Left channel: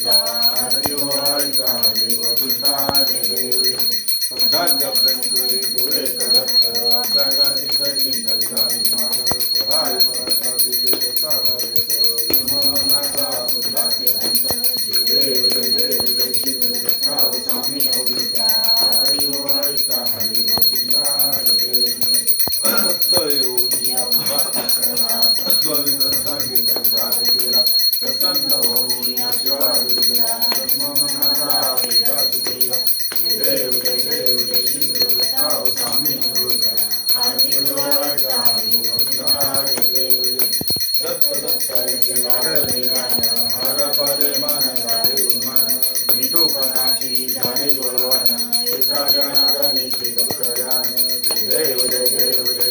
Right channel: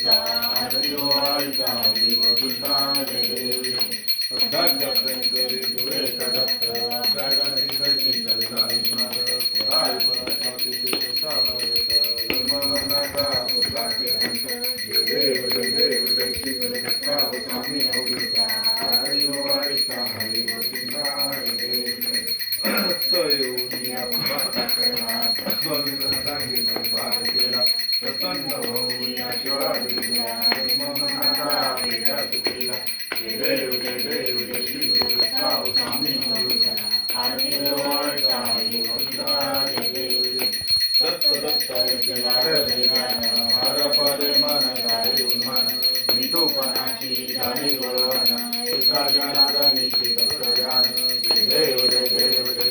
दुःखा आरती ओवाळीता हरी गोविंदा जय देव सदाच्या प्रणकरी तुळे करत अभ्यागाची कशी कल्लाई मार पराय परस्वाती देवता भरत धर्मवर्णाचा उल्लासे अंत जय देव जय श्री गुरुदत्ता स्वामी अवधूता हरी ओवाळीता हरी गोविंदा जय देव सत्य येऊन या स्वामी परिवार केला प्रसन्न होऊन या शिवाजी धर्मवर्णाचा वेदा तुकेला जय देव जय श्री गुरुदत्ता स्वामी अवधूता हरी ओवाळीता हरी गोविंदा जय देव दत्त हर परे मन गाडे उन्मान मिठोपणाची झाली वळवण एका जनार्दनीची दत्तरान जय देव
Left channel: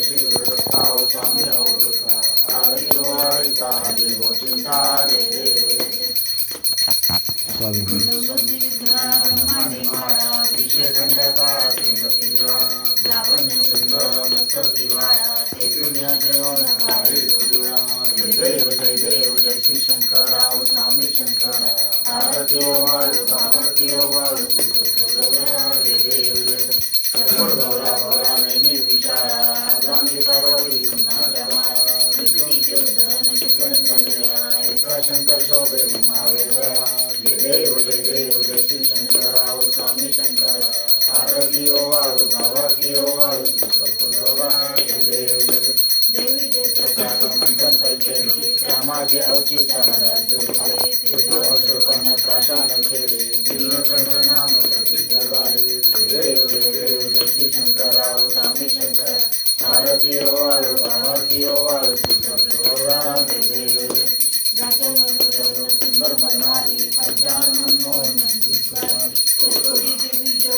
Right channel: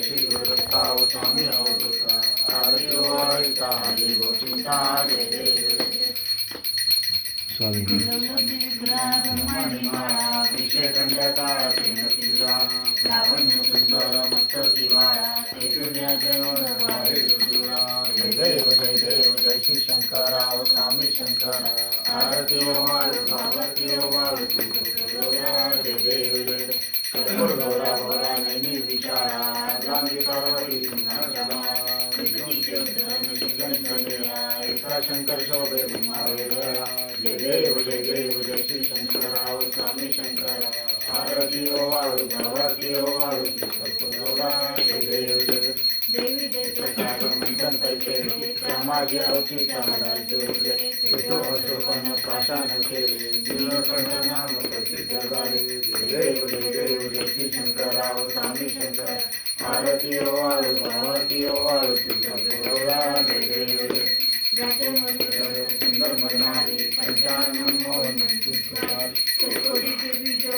श्री गुरुदत्ता स्वामी अवधूता हरी ओवाळीता हरी गोविंदा जय देव स्वामी जय जय श्री शंकराव स्वामी शंकरा आरती ओवाळू भावती ओवाळू जय देव भोला भोला नैनी विचारा गांधी पार्वती सिंहाच्या एका शंकर शोभे जय देव जय श्री शंकराव स्वामी शंकरा आरती ओवाळू भावती ओवाळू जय देव देवी मंथन केले रामाजी अवचिता तो असुरपण प्राशान केले नीलकंठ नाम प्रसिद्ध गाले देव श्री शंकराव स्वामी शंकर आरती ओवाळू भावती ओवाळू जय देव सुंदर म्हणणारी पंचान मनमोहन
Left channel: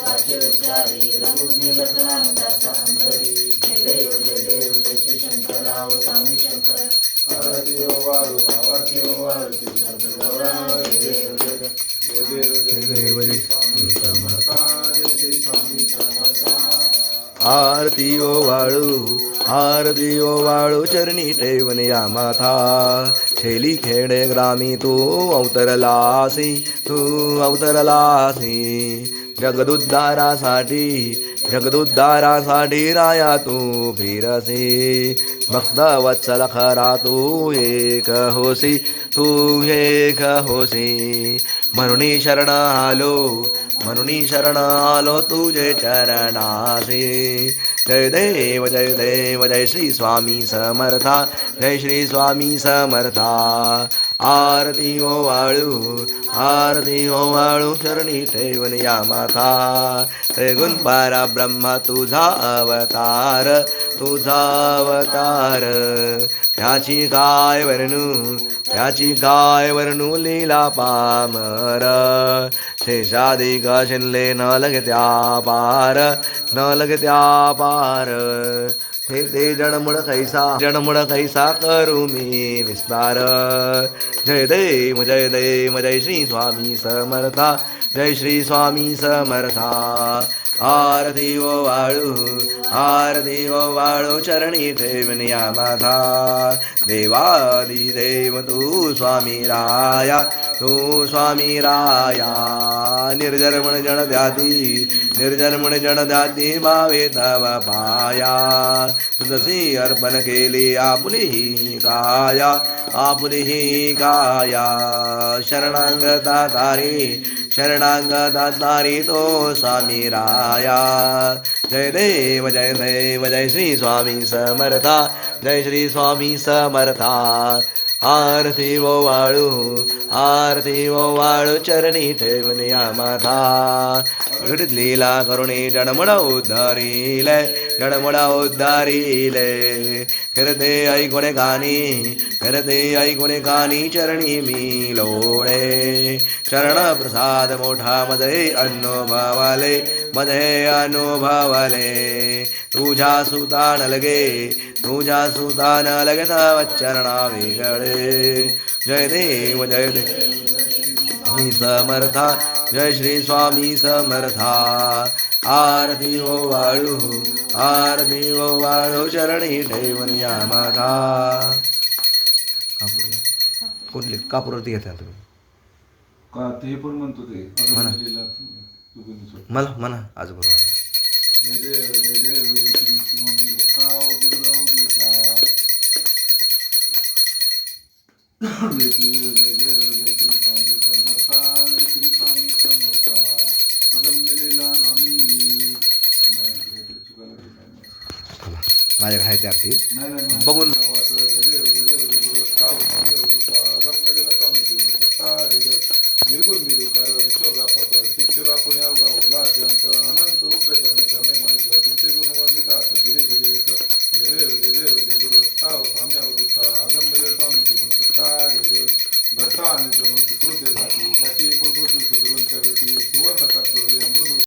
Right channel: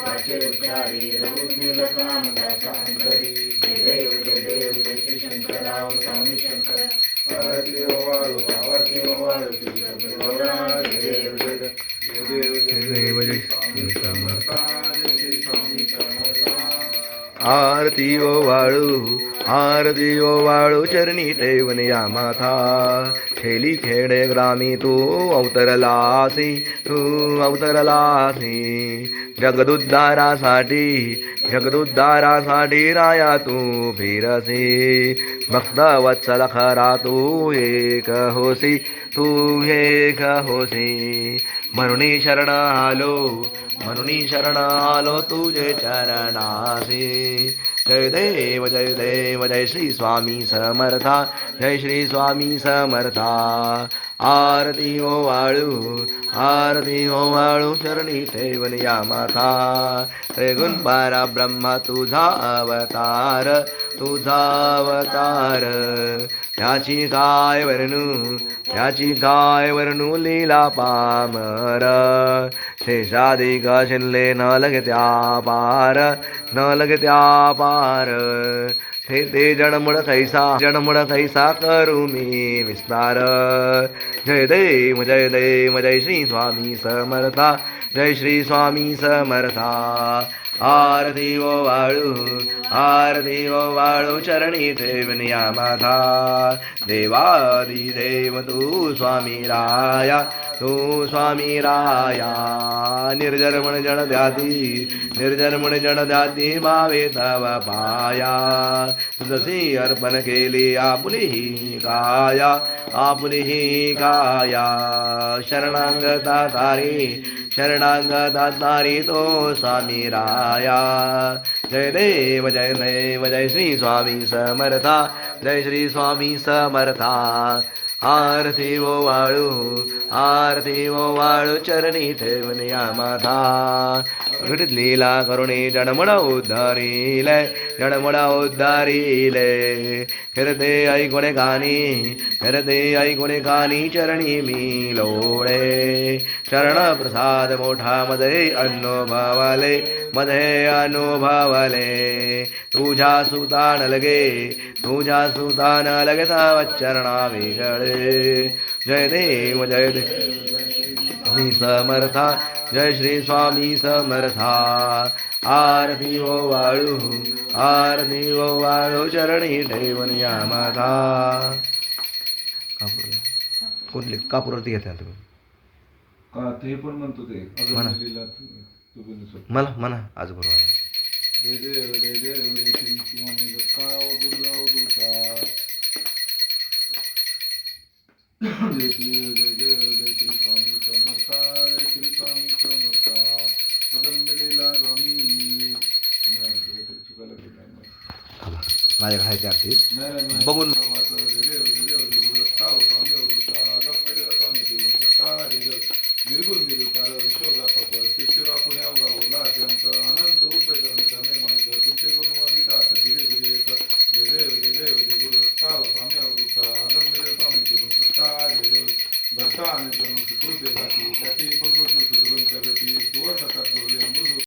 वाचे उच्चारी रघुनीलकान दासा अंतरी जय देव जय श्री शंकराव स्वामी शंकर आरती ओवाळू भावती ओवाळू जय देव जय आरती ओवाळू चरणी ठेवून या माथा खेली खेडे ग्रामी तू अवतरलासी जगदुद्धारासाठी राया तू फिरसी भक्त वत्सल खरा तू एक होसी म्हणून शरण आलो तुझे चरणासी जय देव जय श्री स्वामी समर्था जय श्री स्वामी समर्था आरती ओवाळू चरणी ठेवून या माथा त्रिगुण परब्रह्म तुझा अवतार त्याची काय वर्णू लीला पामर शेषाधिक शिनले न लगत्या पार ते जडमुड कैसा करू मी विस्तार जय देव जय श्री स्वामी समर्था जय श्री स्वामी समर्था आरती ओवाळू चरणी ठेवून या माथा देवादिदेव तू स्वामी राया निर्जर्मण जण द्यादी भावे तव पाया तुझसी अर्पण केली आपुली काया शरणांगता तारी तो स्वामी राया जय देव जय श्री स्वामी समर्था जय श्री स्वामी समर्था आरती ओवाळू चरणी ठेवून या माथा घटित लीला करुणी जडमुडा उद्धारिले फिरते ऐकुणे गाणी चरणी मी लोळे चरण प्रसाद मोठा मध्ये अनुभवले तुझ्या सुतान लगे तव चरणा वेगळे जय देव श्री समर्था जय श्री स्वामी समर्था आरती ओवाळू चरणी ठेवून या माथा कुठली कापूरवरती घेता तुम्ही का ते पण म्हणतो ते म्हणा. अगरबत्तीला चुकीनुसार म्हणा आज बरोबर आहे. जय देव जय देव जय श्री स्वामी दत्ता गुरुराव दूता जय देव जय देव जय श्री स्वामी समर्था जय श्री स्वामी समर्था अगंधलेला स्वामी नाही चुकायला थांबा माझ्याकडे आहे ती आरती नाही बघून. जय देव